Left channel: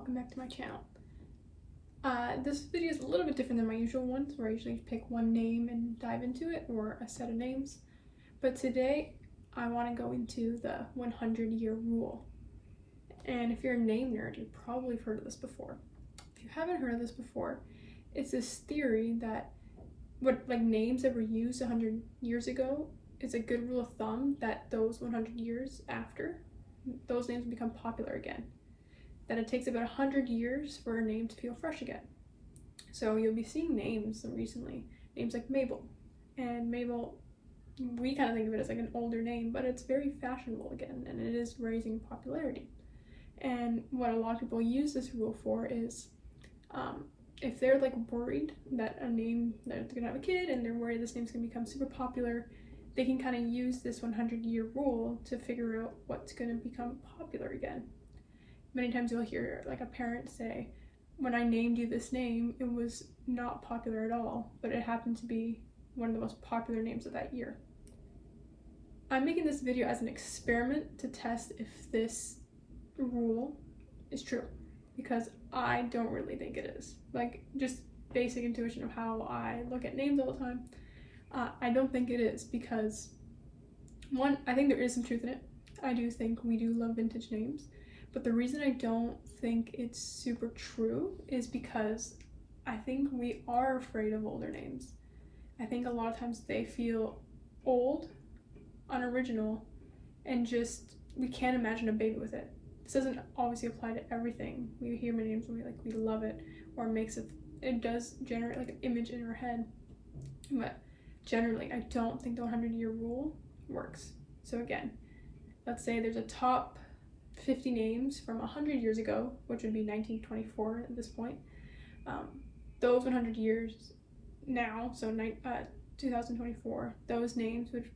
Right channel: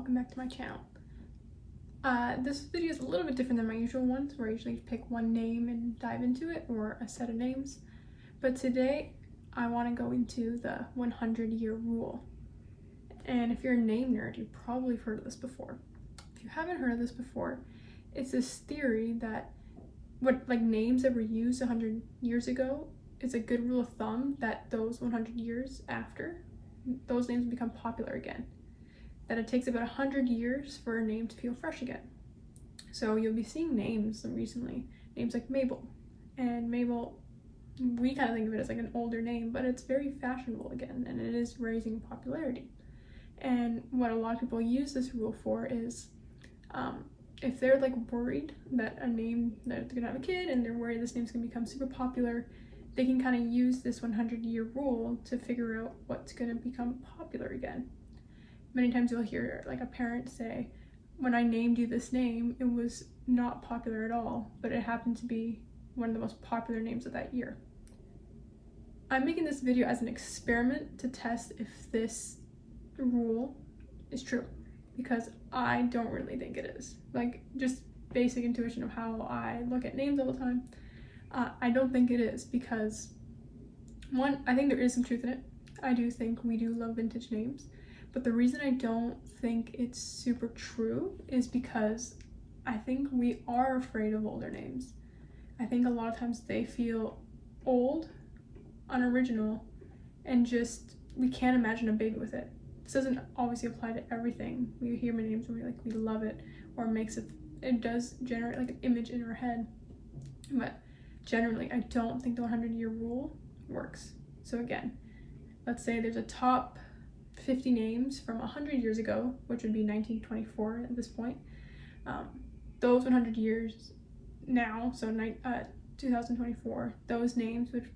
welcome back to my channel. This video is a little bit different than my usual ones, where I usually pick one name and dive into it, or a set of names. But today, I want to go into the 100-year rule. And if you're a name nerd, you've probably heard of this before. If you haven't heard of this before, it's this theory that names that were used 100 years ago, it's a good rule of thumb that those 100 years after, those names become popular again. That it takes about 100 years for a name to feel fresh again. So you'll be seeing names recently, names like Mabel. And Mabel, we kind of think of it as like an older name, but it's very fashionable again, and it is raising popularity. And what a lot of people use this rule for is, if they're like worried that a name, that they're gonna have a kid and they're worried this name's gonna become super popular, they can kind of use this 100-year rule to figure out what's gonna become popular again. Many times you'll hear like a parent say, when I named you this name, it was not popular at all, but it happened to be one of the most popular names of that year. I'm making this video as an experiment to test if this rule is true, because I don't really think it is. Like, just basic intuition of how I look at names all the time, I don't think it is, because one, I think there is some truth in it. I do think we do love vintage names, but the reason I don't think it's super true is because I think we are afraid of older names. I think a lot of times they feel old, unoriginal, and just, we can't imagine a baby with it. This doesn't obviously apply to everything. We hear my names and we love it, or it does generate like an image in our head. But generally, I don't think the 100-year rule works. So again, let's say there's a top 50 names from 100 years ago, which would be 1924 at this point. Those 100 years now, so 2024, those names would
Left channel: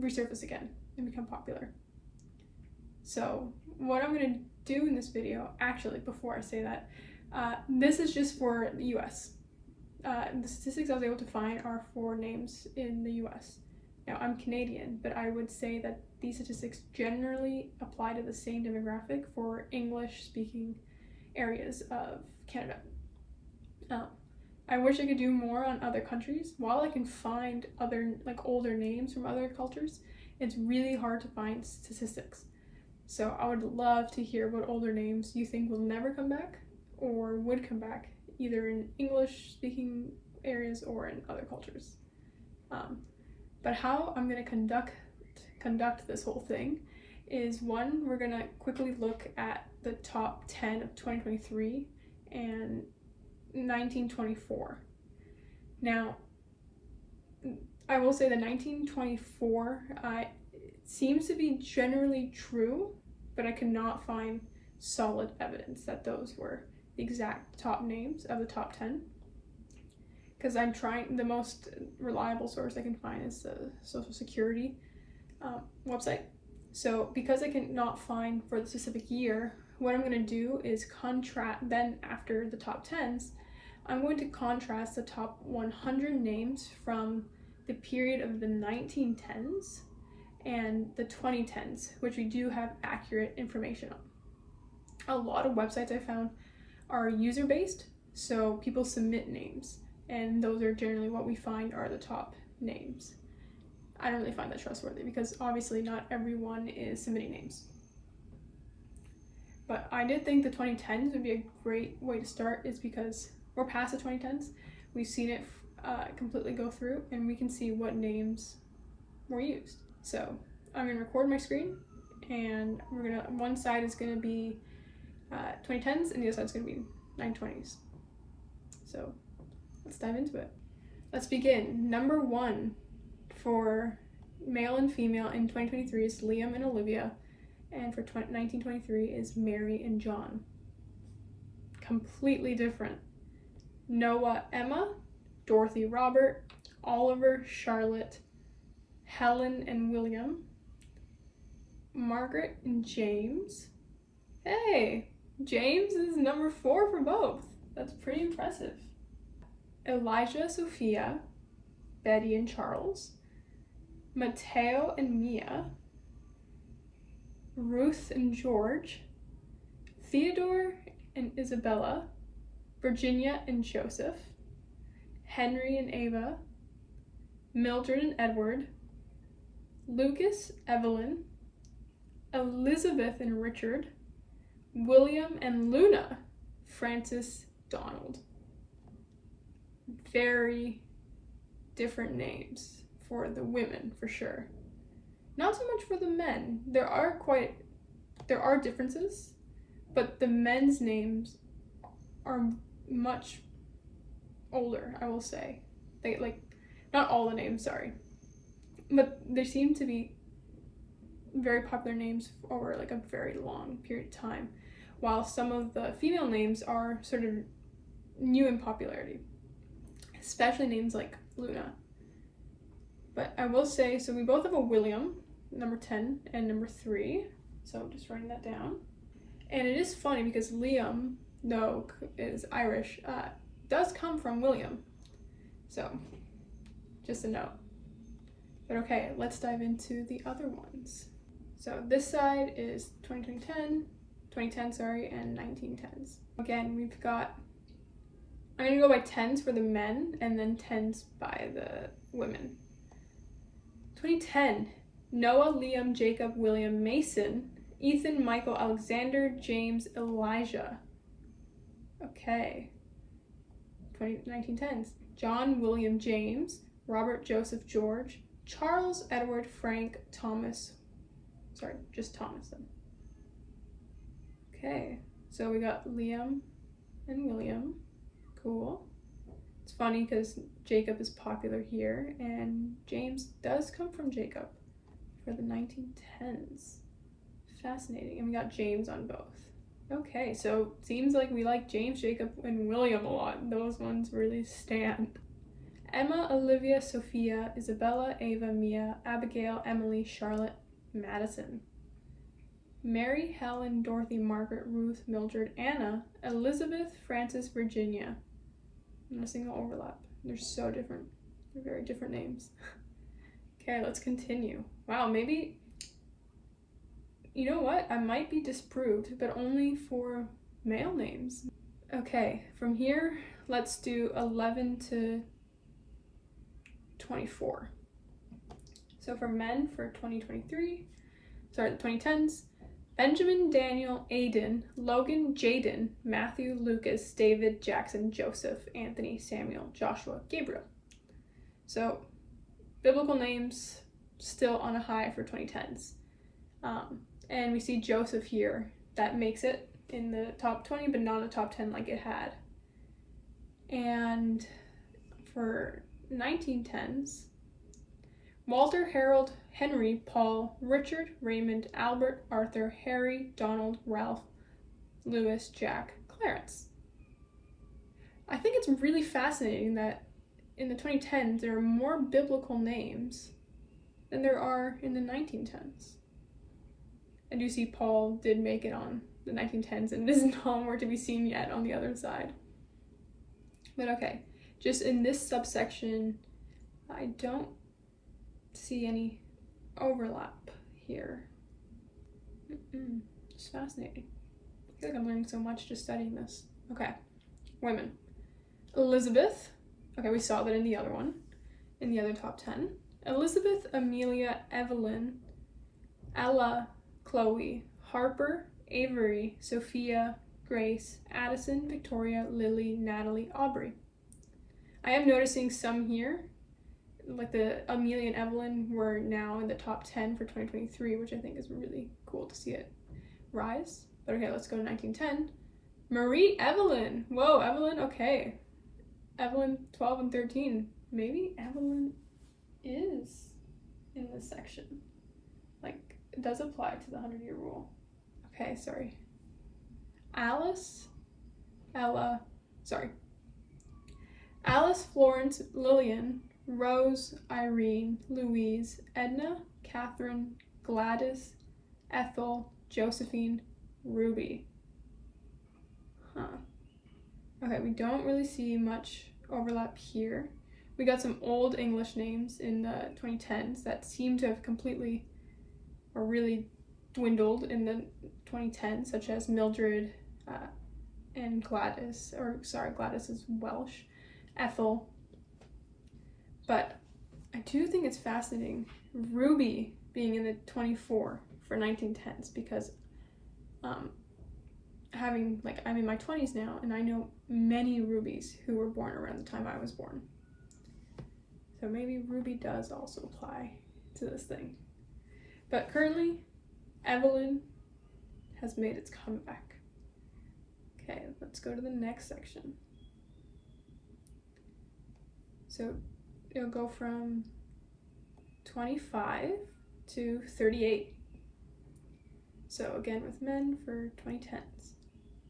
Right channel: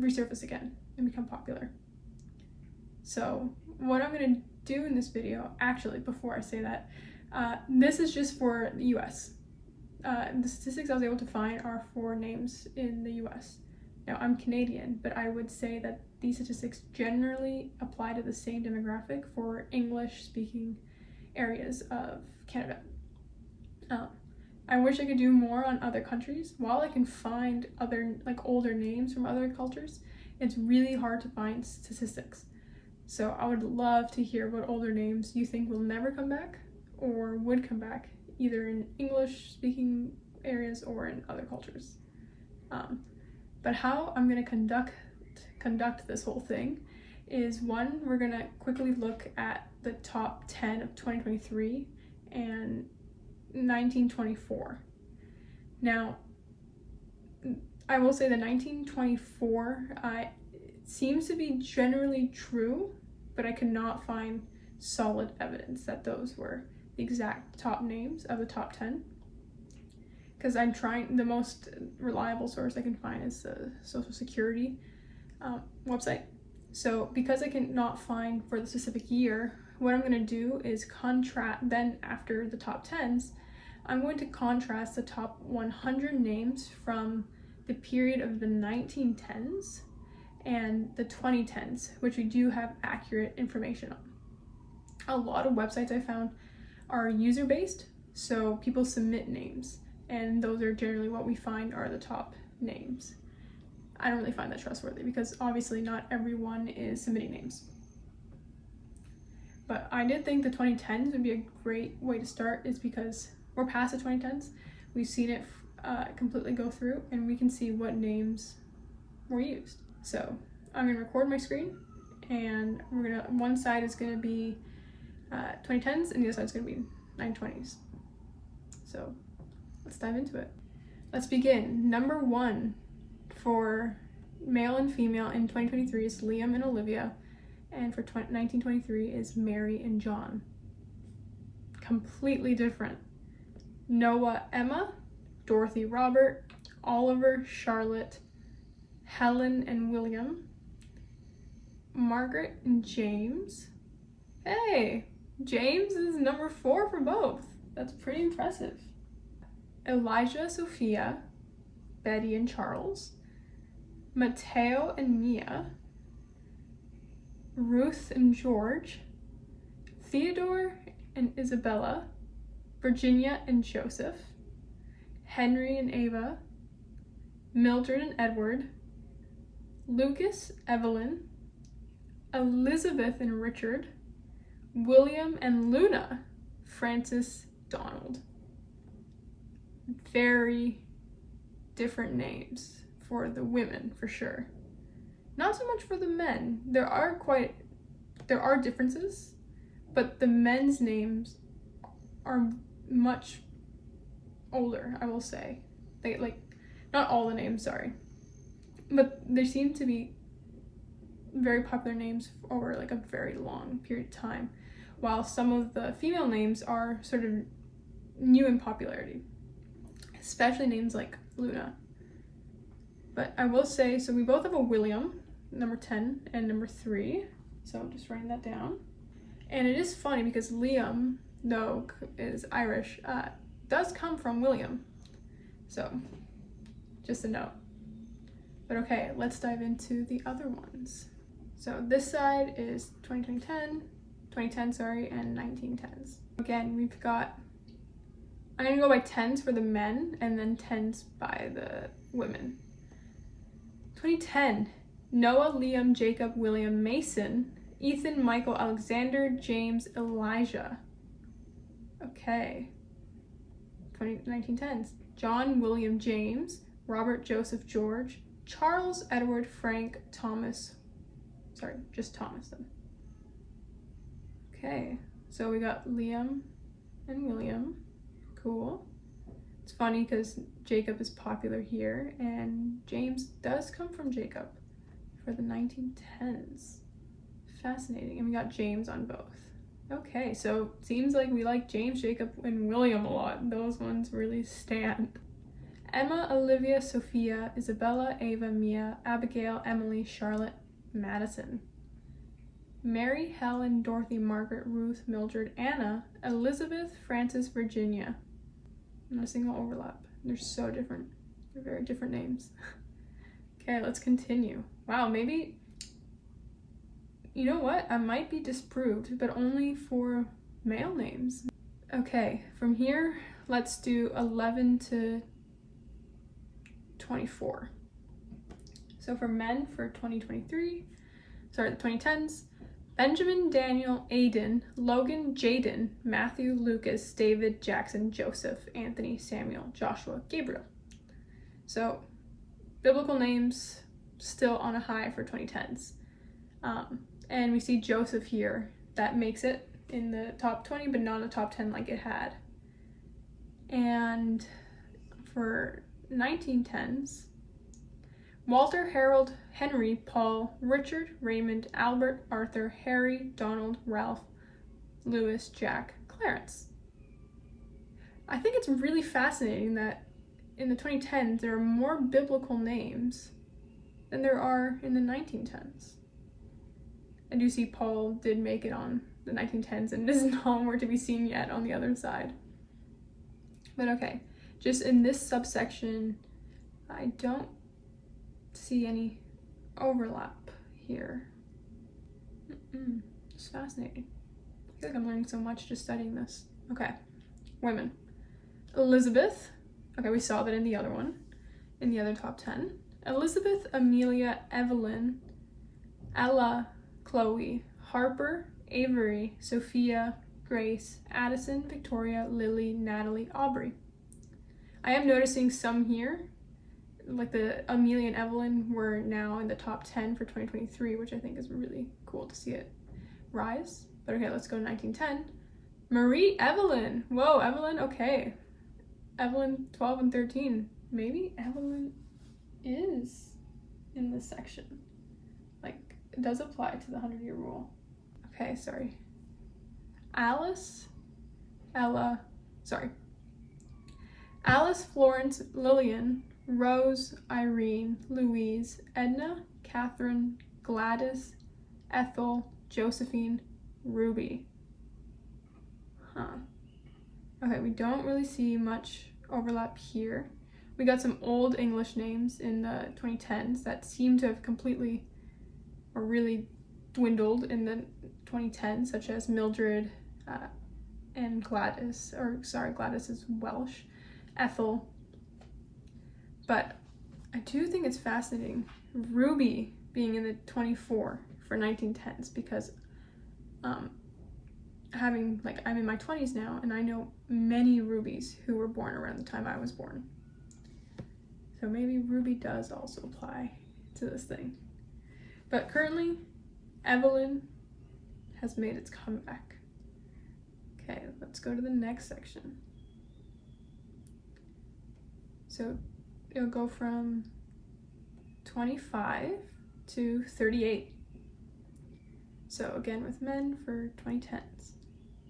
resurface again and become popular. So what I'm going to do in this video, actually, before I say that, this is just for the US. The statistics I was able to find are for names in the US. Now, I'm Canadian, but I would say that these statistics generally apply to the same demographic for English-speaking areas of Canada. I wish I could do more on other countries. While I can find other, older names from other cultures, it's really hard to find statistics. So I would love to hear what older names you think will never come back, or would come back, either in English-speaking areas or in other cultures. But how I'm going to conduct this whole thing is, one, we're going to quickly look at the top 10 of 2023 and 1924. Now, I will say the 1924 seems to be generally true, but I could not find solid evidence that those were the exact top names of the top 10. Because I'm trying, the most reliable source I can find is the Social Security website. So because I cannot find for the specific year, what I'm going to do is then after the top 10s, I'm going to contrast the top 100 names from the period of the 1910s and the 2010s, which we do have accurate information on. A lot of websites I found are user-based, so people submit names, and those are generally what we find are the top names. I don't really find that trustworthy, because obviously not everyone is submitting names. But I did think the 2010s would be a great way to start, is because we're past the 2010s. We've seen it completely go through, and we can see what names were used. So I'm going to record my screen, and one side is going to be 2010s, and the other side is going to be 1920s. So let's dive into it. Let's begin. Number 1 for male and female in 2023 is Liam and Olivia, and for 1923 is Mary and John. Completely different. Noah, Emma, Dorothy, Robert, Oliver, Charlotte, Helen and William, Margaret and James. Hey, James is number 4 for both. That's pretty impressive. Elijah, Sophia, Betty and Charles, Mateo and Mia, Ruth and George, Theodore and Isabella, Virginia and Joseph, Henry and Ava, Mildred and Edward, Lucas, Evelyn, Elizabeth and Richard, William and Luna, Francis, Donald. Very different names for the women, for sure. Not so much for the men. There are differences, but the men's names are much older, I will say. They not all the names, sorry. But there seem to be very popular names over like a very long period of time, while some of the female names are sort of new in popularity, especially names like Luna. But I will say, so we both have a William, number 10 and number 3, so I'm just writing that down. And it is funny because Liam, though is Irish, does come from William, so just a note. But okay, let's dive into the other ones. So this side is 2010, and 1910s. Again, we've got, I'm gonna go by 10s for the men and then 10s by the women. 2010, Noah, Liam, Jacob, William, Mason, Ethan, Michael, Alexander, James, Elijah. Okay. 1910s, John, William, James, Robert, Joseph, George, Charles, Edward, Frank, Thomas. Sorry, just Thomas then. Okay, so we got Liam and William. Cool. It's funny because Jacob is popular here, and James does come from Jacob for the 1910s. Fascinating. And we got James on both. Okay, so it seems like we like James, Jacob, and William a lot. Those ones really stand. Emma, Olivia, Sophia, Isabella, Ava, Mia, Abigail, Emily, Charlotte, Madison. Mary, Helen, Dorothy, Margaret, Ruth, Mildred, Anna, Elizabeth, Frances, Virginia. Not a single overlap. They're so different. They're very different names. Okay, let's continue. Wow, maybe, you know what? I might be disproved, but only for male names. Okay, from here, let's do 11 to 24. So for men, for 2023, sorry, the 2010s, Benjamin, Daniel, Aiden, Logan, Jaden, Matthew, Lucas, David, Jackson, Joseph, Anthony, Samuel, Joshua, Gabriel. So biblical names still on a high for 2010s. And we see Joseph here. That makes it in the top 20, but not the top 10 like it had. And for 1910s, Walter, Harold, Henry, Paul, Richard, Raymond, Albert, Arthur, Harry, Donald, Ralph, Lewis, Jack, Clarence. I think it's really fascinating that in the 2010s there are more biblical names than there are in the 1910s. I do see Paul did make it on the 1910s and it is nowhere to be seen yet on the other side. But okay, just in this subsection, I don't see any overlap here. It's fascinating. I feel like I'm learning so much just studying this. Okay, women. Elizabeth. Okay, we saw that in the other one, in the other top 10. Elizabeth, Amelia, Evelyn, Ella, Chloe, Harper, Avery, Sophia, Grace, Addison, Victoria, Lily, Natalie, Aubrey. I am noticing some here, like the Amelia and Evelyn were now in the top 10 for 2023, which I think is really cool to see it rise. But okay, let's go to 1910. Marie Evelyn. Whoa, Evelyn, okay. Evelyn 12 and 13. Maybe Evelyn is in this section. Like, it does apply to the 100-year rule. Okay, sorry. Alice, Florence, Lillian, Rose, Irene, Louise, Edna, Catherine, Gladys, Ethel, Josephine, Ruby. Okay, we don't really see much overlap here. We got some old English names in the 2010s that seem to have completely or really dwindled in the 2010s, such as Mildred, and Gladys, Gladys is Welsh, Ethel. But I do think it's fascinating Ruby being in the 24 for 1910s, because I'm in my 20s now, and I know many Rubies who were born around the time I was born. So maybe Ruby does also apply to this thing. But currently, Evelyn has made its comeback. Okay, let's go to the next section. So it'll go from 25 to 38. So again with men for 2010s.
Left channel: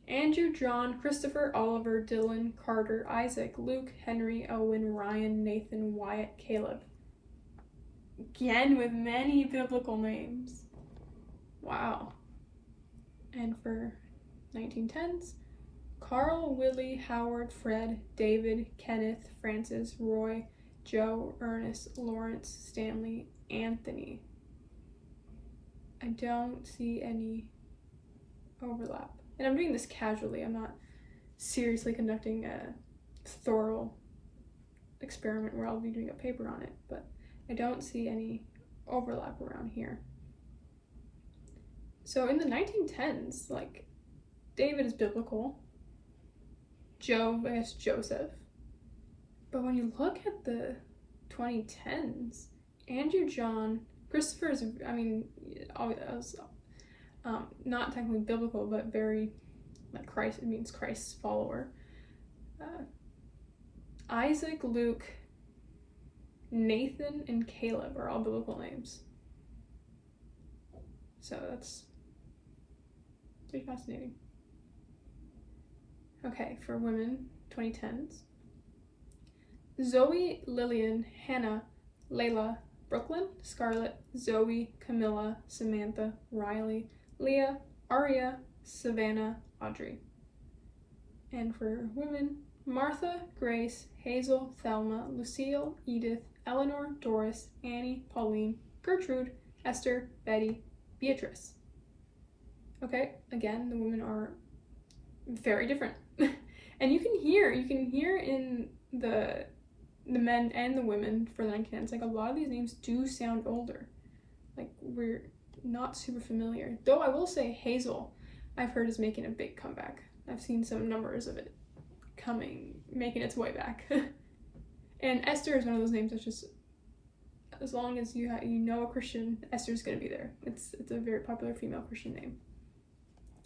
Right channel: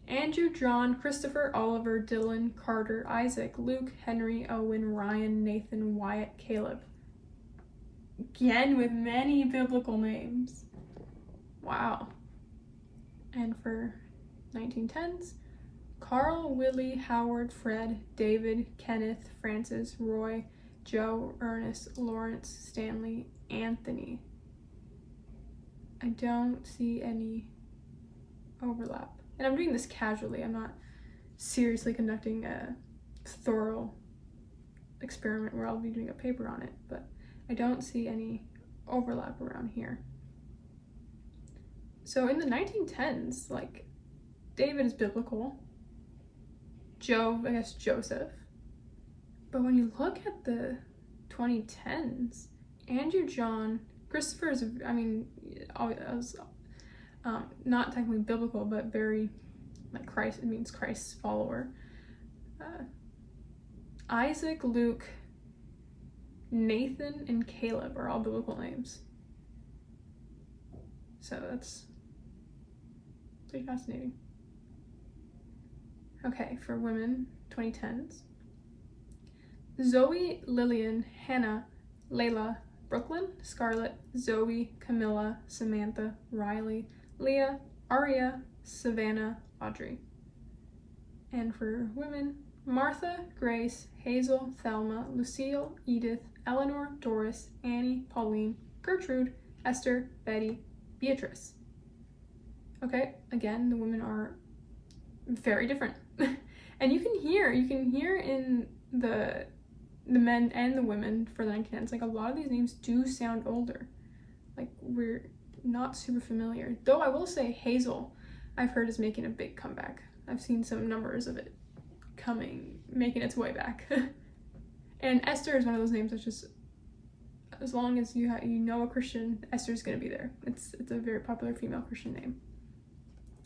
Andrew, John, Christopher, Oliver, Dylan, Carter, Isaac, Luke, Henry, Owen, Ryan, Nathan, Wyatt, Caleb. Again with many biblical names. Wow. And for 1910s, Carl, Willie, Howard, Fred, David, Kenneth, Francis, Roy, Joe, Ernest, Lawrence, Stanley, Anthony. I don't see any overlap. And I'm doing this casually. I'm not seriously conducting a thorough experiment where I'll be doing a paper on it, but I don't see any overlap around here. So in the 1910s, like, David is biblical. Joe, I guess Joseph. But when you look at the 2010s, Andrew, John, Christopher is, not technically biblical, but very, like, Christ, it means Christ's follower. Isaac, Luke, Nathan, and Caleb are all biblical names. So that's pretty fascinating. Okay, for women, 2010s. Zoe, Lillian, Hannah, Layla, Brooklyn, Scarlett, Zoe, Camilla, Samantha, Riley, Leah, Aria, Savannah, Audrey. And for women, Martha, Grace, Hazel, Thelma, Lucille, Edith, Eleanor, Doris, Annie, Pauline, Gertrude, Esther, Betty, Beatrice. Okay, again, the women are very different. And you can hear in the men and the women for the 1910s, like, a lot of these names do sound older. Like, we're not super familiar. Though I will say Hazel, I've heard, is making a big comeback. I've seen some numbers of it making its way back. And Esther is one of those names that's just, as long as you know a Christian, Esther's gonna be there. It's a very popular female Christian name,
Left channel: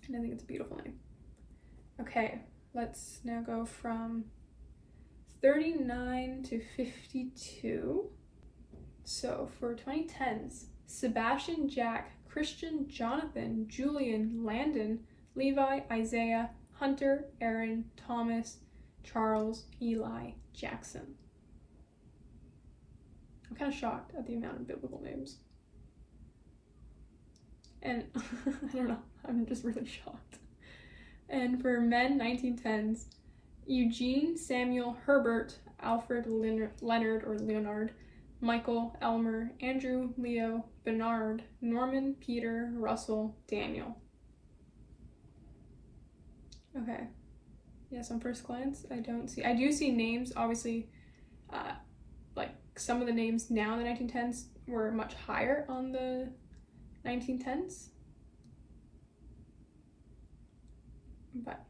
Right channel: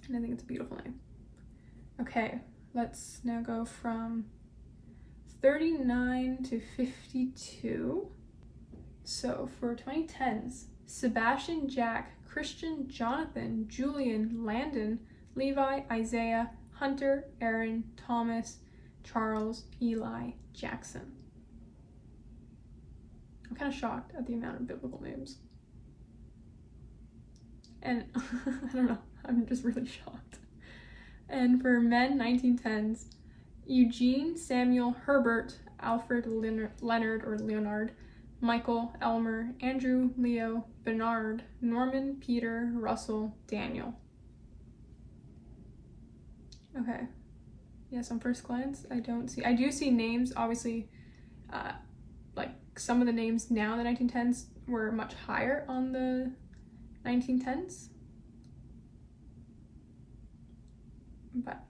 and I think it's a beautiful name. Okay, let's now go from 39 to 52. So for 2010s, Sebastian, Jack, Christian, Jonathan, Julian, Landon, Levi, Isaiah, Hunter, Aaron, Thomas, Charles, Eli, Jackson. I'm kind of shocked at the amount of biblical names. And I don't know, I'm just really shocked. And for men, 1910s, Eugene, Samuel, Herbert, Alfred, Leonard, Michael, Elmer, Andrew, Leo, Bernard, Norman, Peter, Russell, Daniel. Okay. Yes, on first glance, I do see names, obviously, like, some of the names now in the 1910s were much higher on the 1910s. But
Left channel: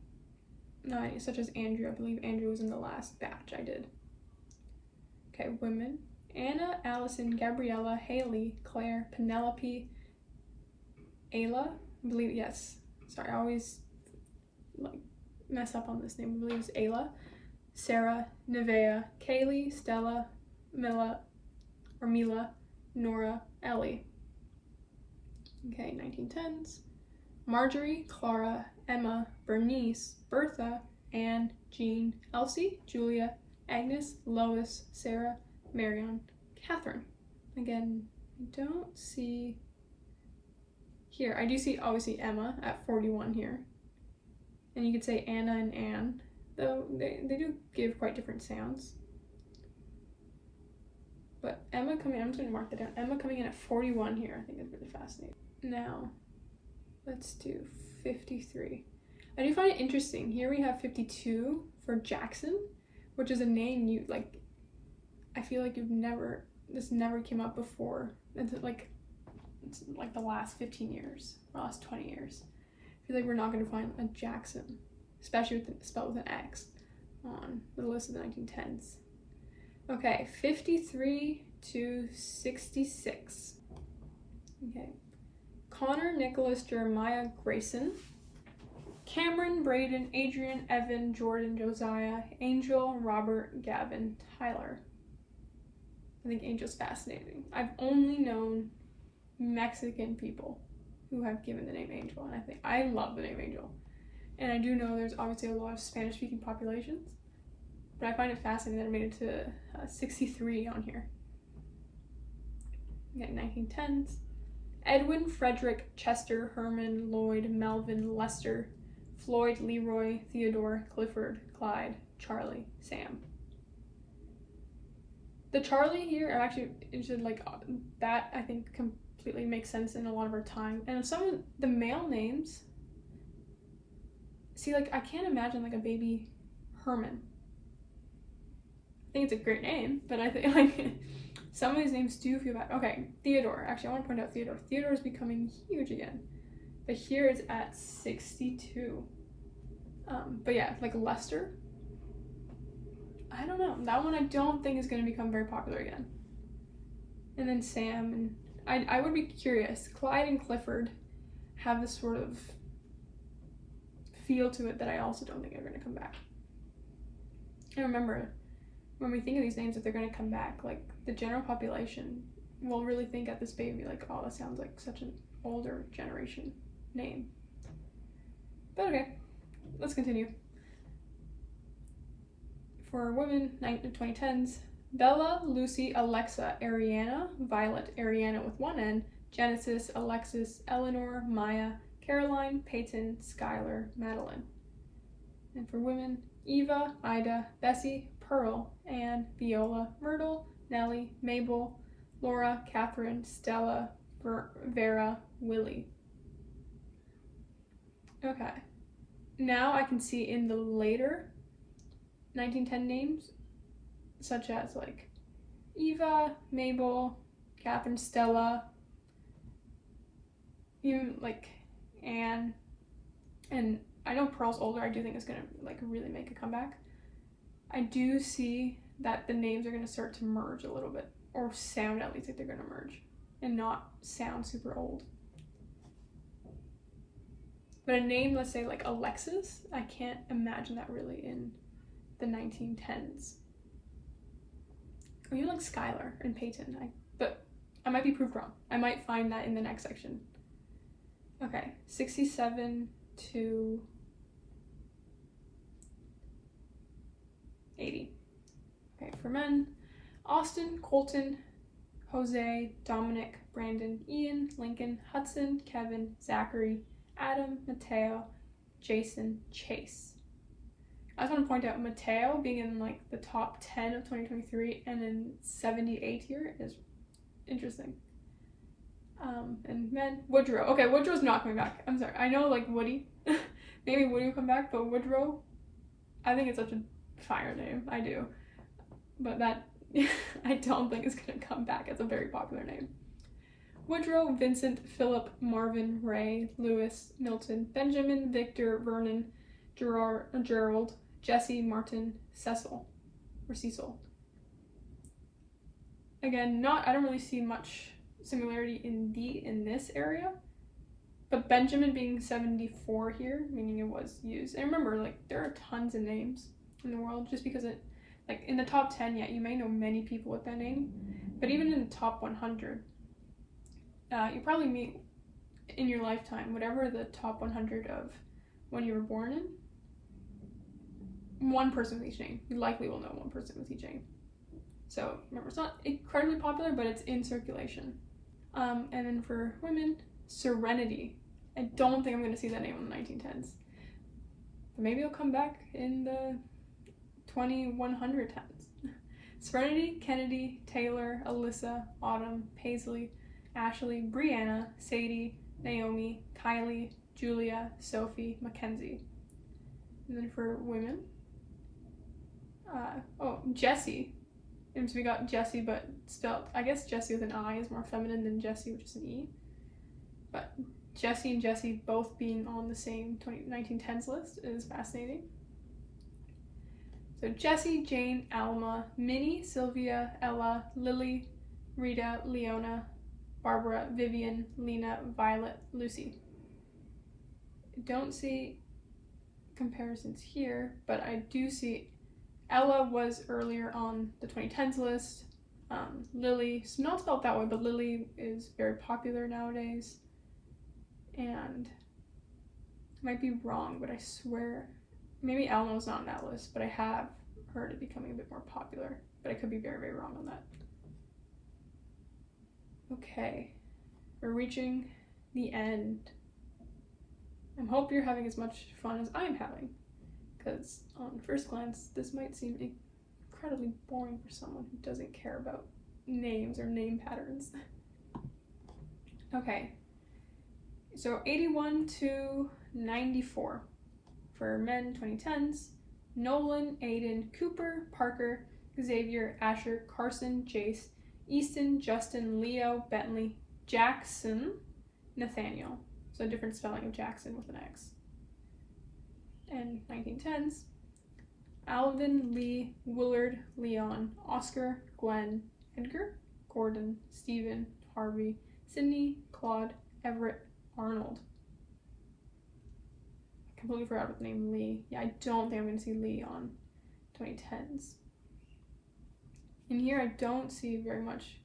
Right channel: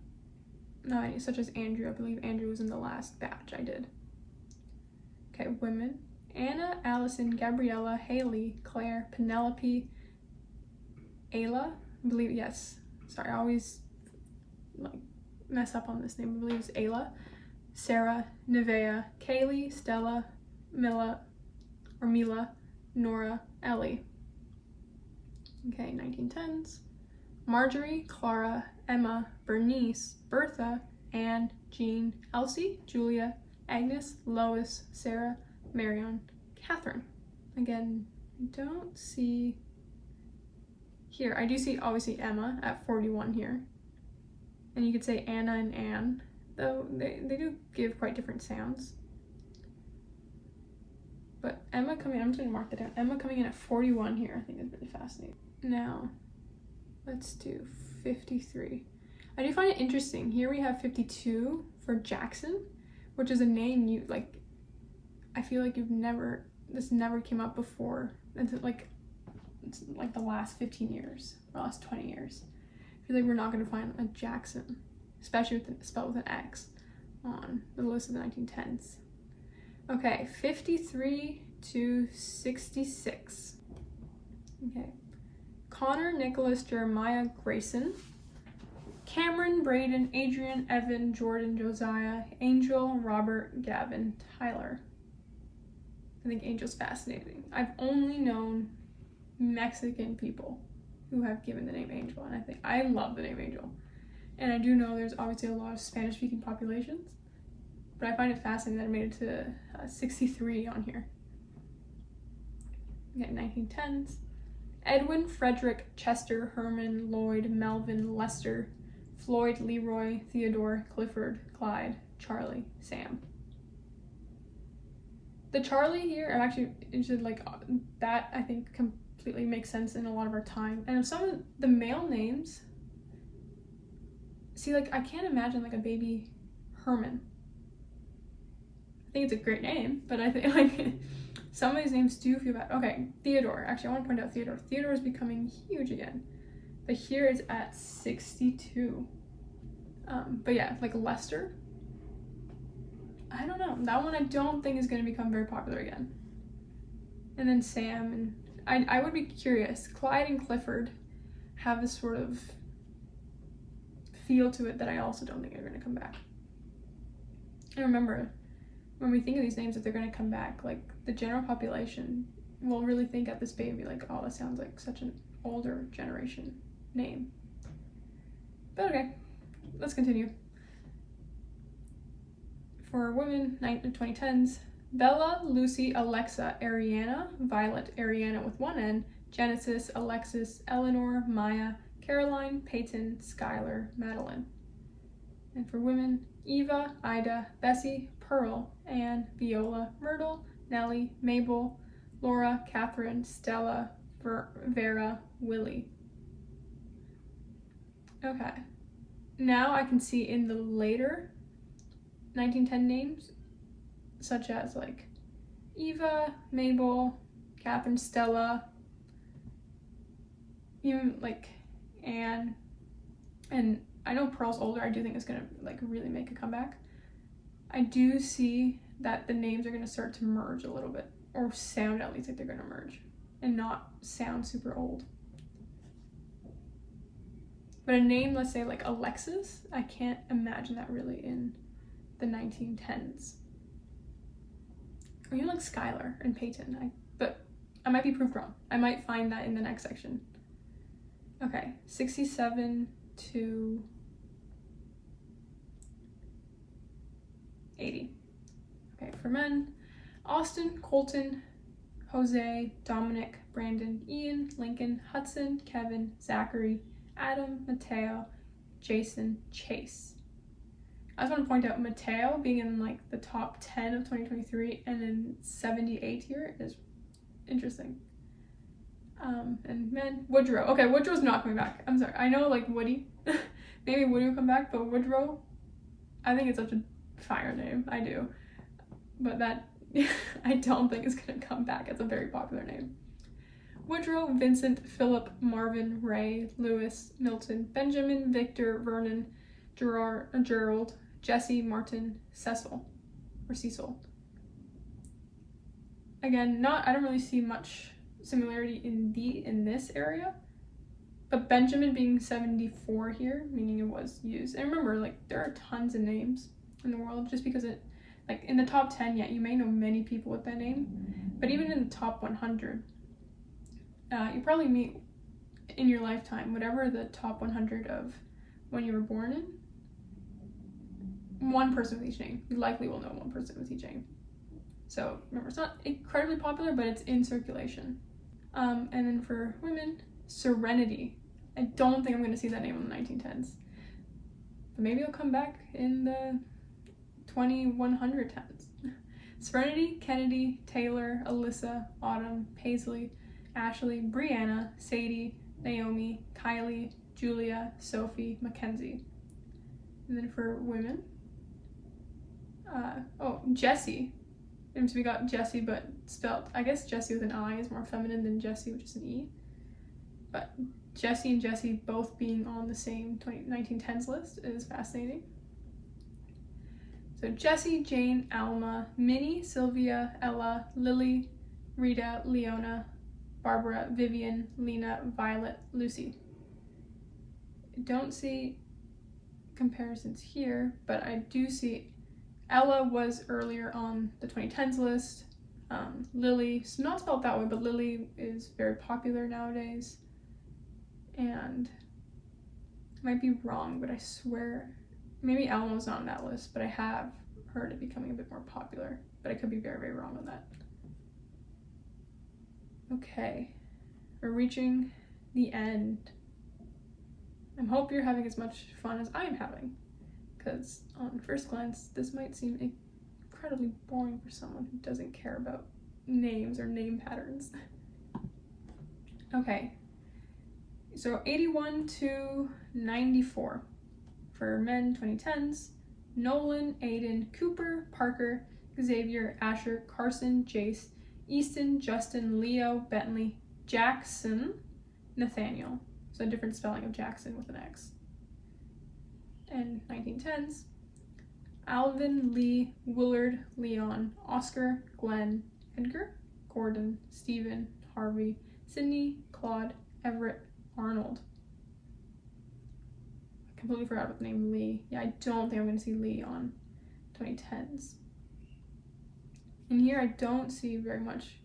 not any, such as Andrew. I believe Andrew was in the last batch I did. Okay, women. Anna, Allison, Gabriella, Haley, Claire, Penelope, Ayla, I believe, yes. Sorry, I always, like, mess up on this name. I believe it's Ayla, Sarah, Nevea, Kaylee, Stella, Mila, Nora, Ellie. Okay, 1910s. Marjorie, Clara, Emma, Bernice, Bertha, Anne, Jean, Elsie, Julia, Agnes, Lois, Sarah, Marion, Catherine. Again, I don't see here. I do see, obviously, Emma at 41 here. And you could say Anna and Anne, though they do give quite different sounds. But Emma coming, I'm just going to mark that down. Emma coming in at 41 here, I think is really fascinating. Now, let's do 53. I do find it interesting. Here we have 52 for Jackson, which is a name you, like, I feel like this never came up before. It's like the last 15 years, or last 20 years. I feel like we're not going to find a Jackson, especially spelled with an X, on the list of the 1910s. Okay, 53 to 66. Okay. Connor, Nicholas, Jeremiah, Grayson, Cameron, Braden, Adrian, Evan, Jordan, Josiah, Angel, Robert, Gavin, Tyler. I think Angel's fascinating. I've only known Mexican people who have given the name Angel, and I love the name Angel. And I do know there's obviously a lot of Spanish-speaking populations, but I find it fascinating that it made it to 63 on here. Okay, 1910s. Edwin, Frederick, Chester, Herman, Lloyd, Melvin, Lester, Floyd, Leroy, Theodore, Clifford, Clyde, Charlie, Sam. The Charlie here, I'm actually interested, like, that I think completely makes sense in a lot of our time. And some of the male names, see, like, I can't imagine, like, a baby Herman. I think it's a great name, but I think, like, some of these names do feel bad. Okay, Theodore. Actually, I want to point out Theodore. Theodore is becoming huge again. But here it's at 62. But yeah, like Lester. I don't know. That one I don't think is going to become very popular again. And then Sam. And I would be curious. Clyde and Clifford have this sort of feel to it that I also don't think are going to come back. And remember, when we think of these names, if they're going to come back, like, the general population will really think at this baby, like, oh, that sounds like such an older generation name. But okay, let's continue. For women, 2010s, Bella, Lucy, Alexa, Ariana, Violet, Ariana with one N, Genesis, Alexis, Eleanor, Maya, Caroline, Peyton, Skylar, Madeline. And for women, Eva, Ida, Bessie, Pearl, Anne, Viola, Myrtle, Nellie, Mabel, Laura, Catherine, Stella, Vera, Willie. Okay. Now I can see in the later 1910 names, such as like Eva, Mabel, Catherine, Stella, even like Anne, and I know Pearl's older. I do think it's gonna like really make a comeback. I do see that the names are gonna start to merge a little bit, or sound at least like they're gonna merge, and not sound super old. But a name, let's say like Alexis, I can't imagine that really in the 1910s. Or even like Skylar and Peyton, but I might be proved wrong. I might find that in the next section. Okay, 67 to 80. Okay, for men, Austin, Colton, Jose, Dominic, Brandon, Ian, Lincoln, Hudson, Kevin, Zachary, Adam, Mateo, Jason, Chase. I just want to point out Mateo being in like the top 10 of 2023 and in 78 here is interesting. And men, Woodrow. Okay, Woodrow's not coming back. I'm sorry. I know like Woody. Maybe Woody will come back, but Woodrow, I think it's such a fire name. I do. But that, I don't think is going to come back. It's a very popular name. Woodrow, Vincent, Philip, Marvin, Ray, Lewis, Milton, Benjamin, Victor, Vernon, Gerald, Jesse, Martin, Cecil. Again, I don't really see much similarity in this area, but Benjamin being 74 here, meaning it was used. And remember, like, there are tons of names in the world. Just because it, like, in the top 10, yeah, you may know many people with that name, but even in the top 100, you probably meet in your lifetime whatever the top 100 of when you were born in, one person with each name. You likely will know one person with each name. So remember, it's not incredibly popular, but it's in circulation. And then for women, Serenity. I don't think I'm going to see that name in the 1910s. But maybe it'll come back in the 2110s. Serenity, Kennedy, Taylor, Alyssa, Autumn, Paisley, Ashley, Brianna, Sadie, Naomi, Kylie, Julia, Sophie, Mackenzie. And then for women, Jessie. And so we got Jessie, but spelled, I guess Jessie with an I is more feminine than Jessie, which is an E. But Jessie and Jessie both being on the same 1910s list is fascinating. So Jessie, Jane, Alma, Minnie, Sylvia, Ella, Lily, Rita, Leona, Barbara, Vivian, Lena, Violet, Lucy. I don't see comparisons here, but I do see Ella was earlier on the 2010s list. Lily, so not spelled that way, but Lily is very popular nowadays. And I might be wrong, but I swear, maybe Alma was not on that list, but I have heard it becoming a bit more popular, but I could be very, very wrong on that. Okay, we're reaching the end. I hope you're having as much fun as I'm having, because on first glance, this might seem incredibly boring for someone who doesn't care about names or name patterns. Okay, so 81 to 94 for men 2010s. Nolan, Aiden, Cooper, Parker, Xavier, Asher, Carson, Jace, Easton, Justin, Leo, Bentley, Jackson, Nathaniel. So a different spelling of Jackson with an X. And 1910s. Alvin, Lee, Willard, Leon, Oscar, Glenn, Edgar, Gordon, Stephen, Harvey, Sydney, Claude, Everett, Arnold. I completely forgot about the name Lee. Yeah, I don't think I'm going to see Lee on 2010s. In here, I don't see very much.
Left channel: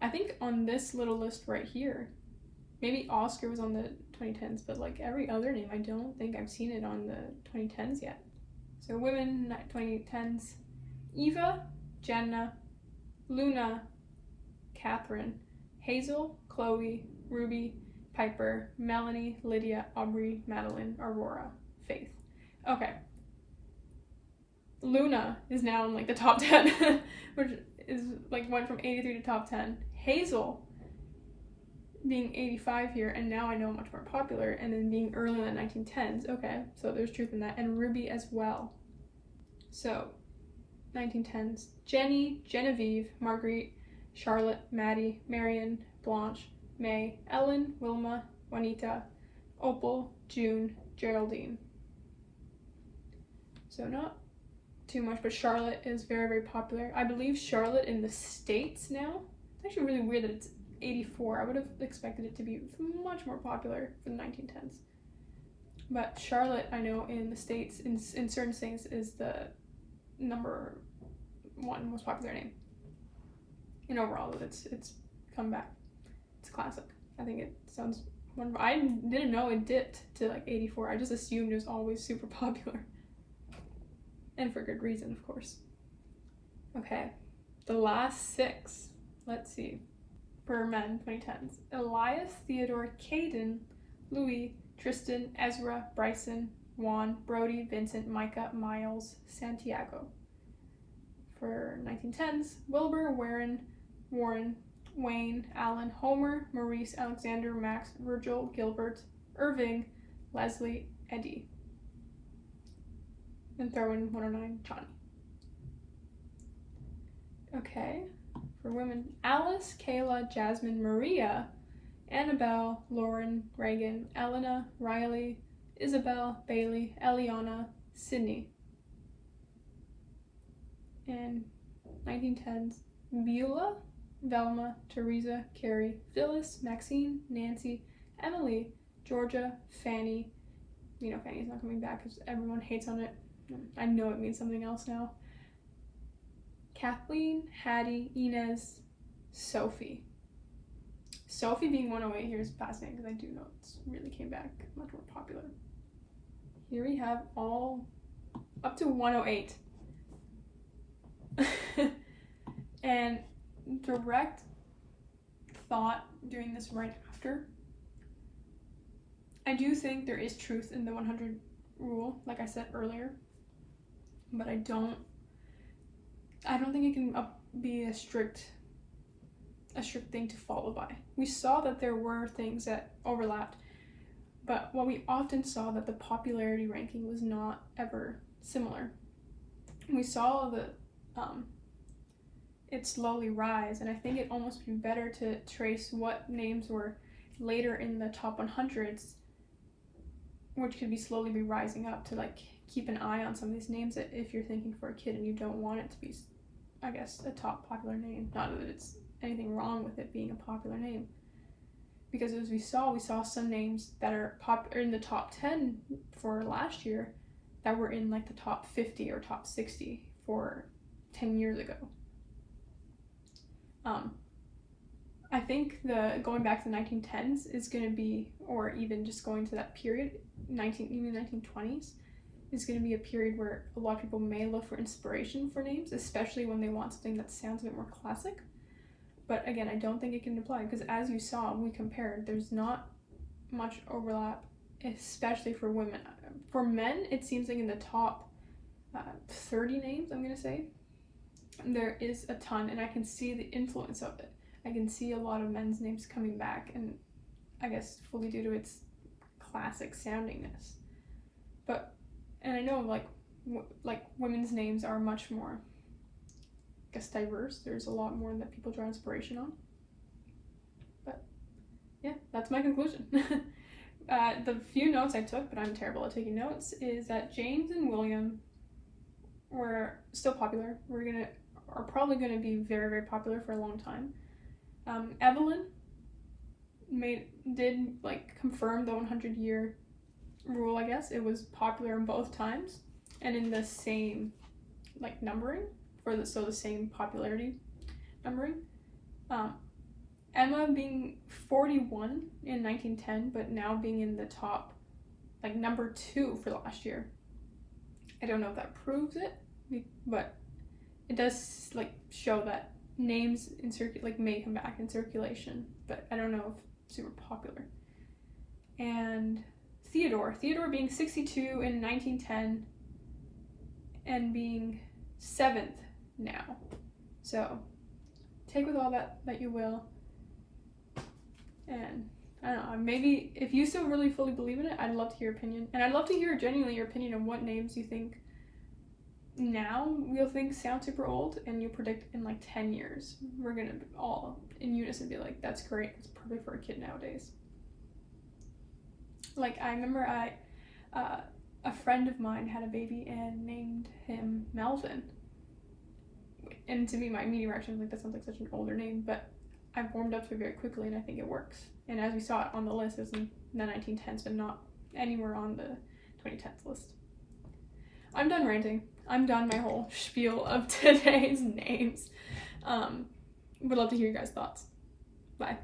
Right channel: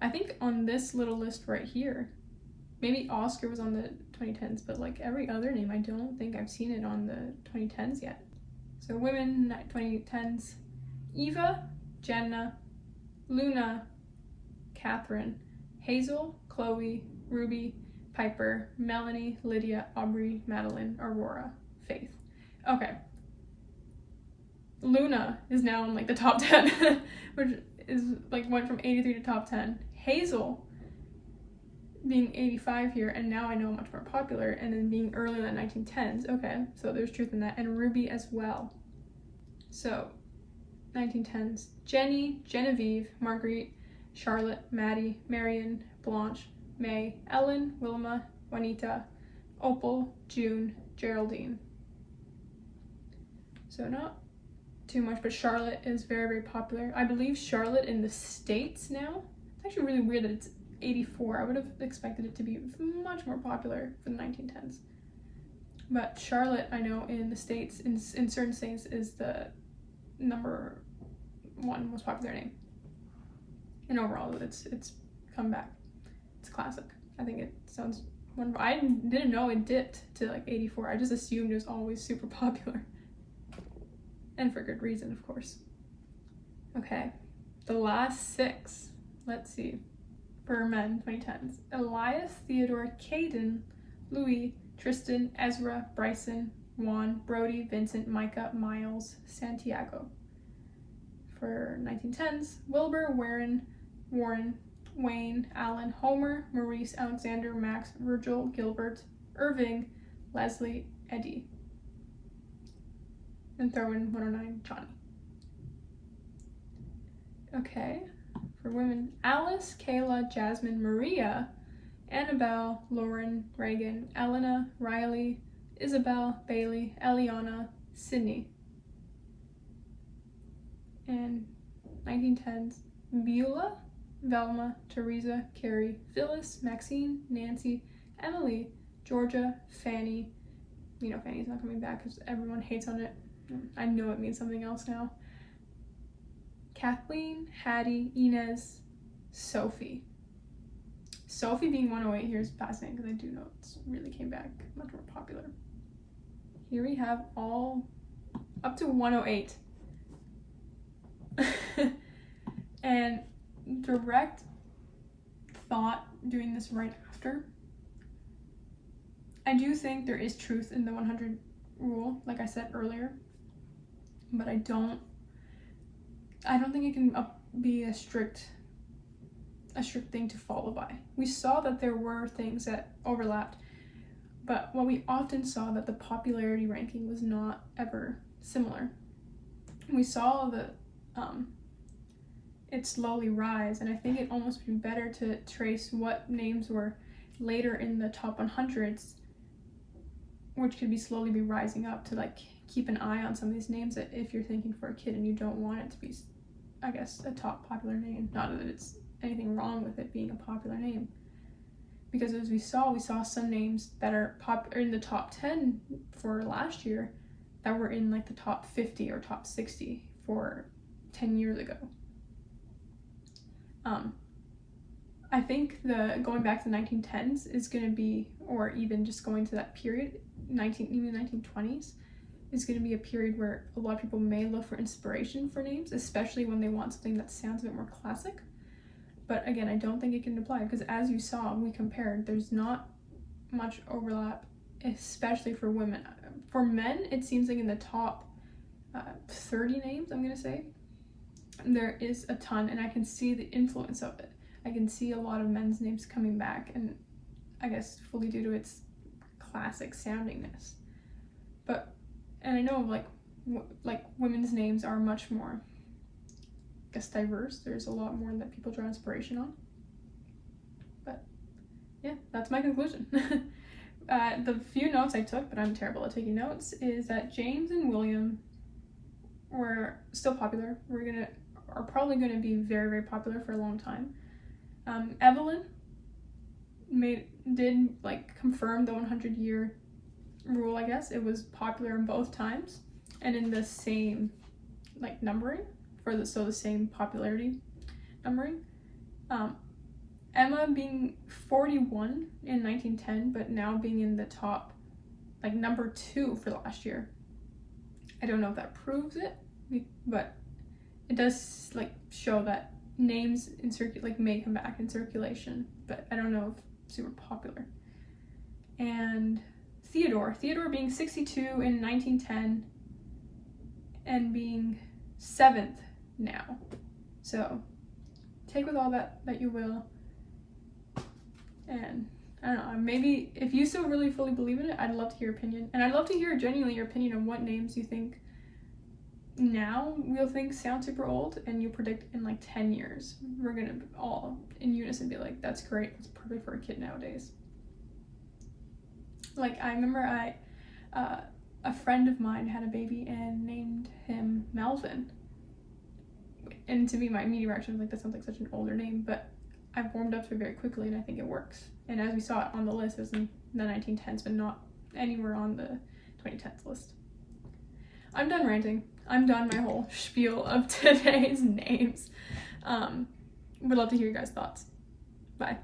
I think on this little list right here, maybe Oscar was on the 2010s, but like every other name, I don't think I've seen it on the 2010s yet. So women, 2010s, Eva, Jenna, Luna, Catherine, Hazel, Chloe, Ruby, Piper, Melanie, Lydia, Aubrey, Madeline, Aurora, Faith. Okay. Luna is now in like the top 10, which is like went from 83 to top 10. Hazel being 85 here, and now I know much more popular, and then being early in the 1910s. Okay, so there's truth in that. And Ruby as well. So 1910s, Jenny, Genevieve, Marguerite, Charlotte, Maddie, Marion, Blanche, May, Ellen, Wilma, Juanita, Opal, June, Geraldine. So not too much, but Charlotte is very, very popular. I believe Charlotte in the States now. It's actually really weird that it's 84. I would have expected it to be much more popular for the 1910s. But Charlotte, I know in the States, in certain states, is the number one most popular name. And overall, it's come back. It's classic. I think it sounds wonderful. I didn't know it dipped to like 84. I just assumed it was always super popular. And for good reason, of course. Okay, the last 6. Let's see. For men, 2010s. Elias, Theodore, Caden, Louis, Tristan, Ezra, Bryson, Juan, Brody, Vincent, Micah, Miles, Santiago. For 1910s, Wilbur, Warren, Wayne, Alan, Homer, Maurice, Alexander, Max, Virgil, Gilbert, Irving, Leslie, Eddie. And throw in 109, Johnny. Okay, for women, Alice, Kayla, Jasmine, Maria, Annabelle, Lauren, Reagan, Elena, Riley, Isabel, Bailey, Eliana, Sydney. And 1910s, Beulah, Velma, Teresa, Carrie, Phyllis, Maxine, Nancy, Emily, Georgia, Fanny. You know Fanny's not coming back because everyone hates on it. I know it means something else now. Kathleen, Hattie, Inez, Sophie. Sophie being 108 here is fascinating because I do know it's really came back much more popular. Here we have all up to 108. And direct thought doing this right after. I do think there is truth in the 100 rule, like I said earlier, but I don't think it can be a strict thing to follow by. We saw that there were things that overlapped. But what we often saw that the popularity ranking was not ever similar. We saw it slowly rise, and I think it almost would be better to trace what names were later in the top 100s, which could slowly be rising up, to like keep an eye on some of these names that if you're thinking for a kid and you don't want it to be, I guess, a top popular name. Not that it's anything wrong with it being a popular name, because as we saw some names that are in the top 10 for last year that were in like the top 50 or top 60 for 10 years ago. I think going back to the 1910s is going to be, or even just going to that period, even 1920s, is going to be a period where a lot of people may look for inspiration for names, especially when they want something that sounds a bit more classic. But again, I don't think it can apply, because as you saw, we compared, there's not much overlap, especially for women. For men, it seems like in the top 30 names, I'm going to say, there is a ton, and I can see the influence of it. I can see a lot of men's names coming back, and I guess fully due to its classic soundingness. And I know like women's names are much more, I guess, diverse. There's a lot more that people draw inspiration on. But yeah, that's my conclusion. The few notes I took, but I'm terrible at taking notes, is that James and William were still popular. Are probably gonna be very, very popular for a long time. Evelyn did confirm the 100-year rule, I guess. It was popular in both times and in the same numbering so the same popularity numbering. Emma being 41 in 1910, but now being in the top number 2 for last year. I don't know if that proves it, but it does show that names may come back in circulation, but I don't know if super popular. And Theodore being 62 in 1910 and being 7th now. So take with all that you will. And I don't know, maybe if you still really fully believe in it, I'd love to hear your opinion. And I'd love to hear genuinely your opinion on what names you think now we'll think sound super old, and you predict in 10 years we're gonna all in unison be like, that's great, it's perfect for a kid nowadays. I remember a friend of mine had a baby and named him Melvin, and to me my immediate reaction was that sounds like such an older name, but I've warmed up to it very quickly and I think it works. And as we saw it on the list, it was in the 1910s but not anywhere on the 2010s list. I'm done ranting. I'm done my whole spiel of today's names. Would love to hear your guys' thoughts. Bye.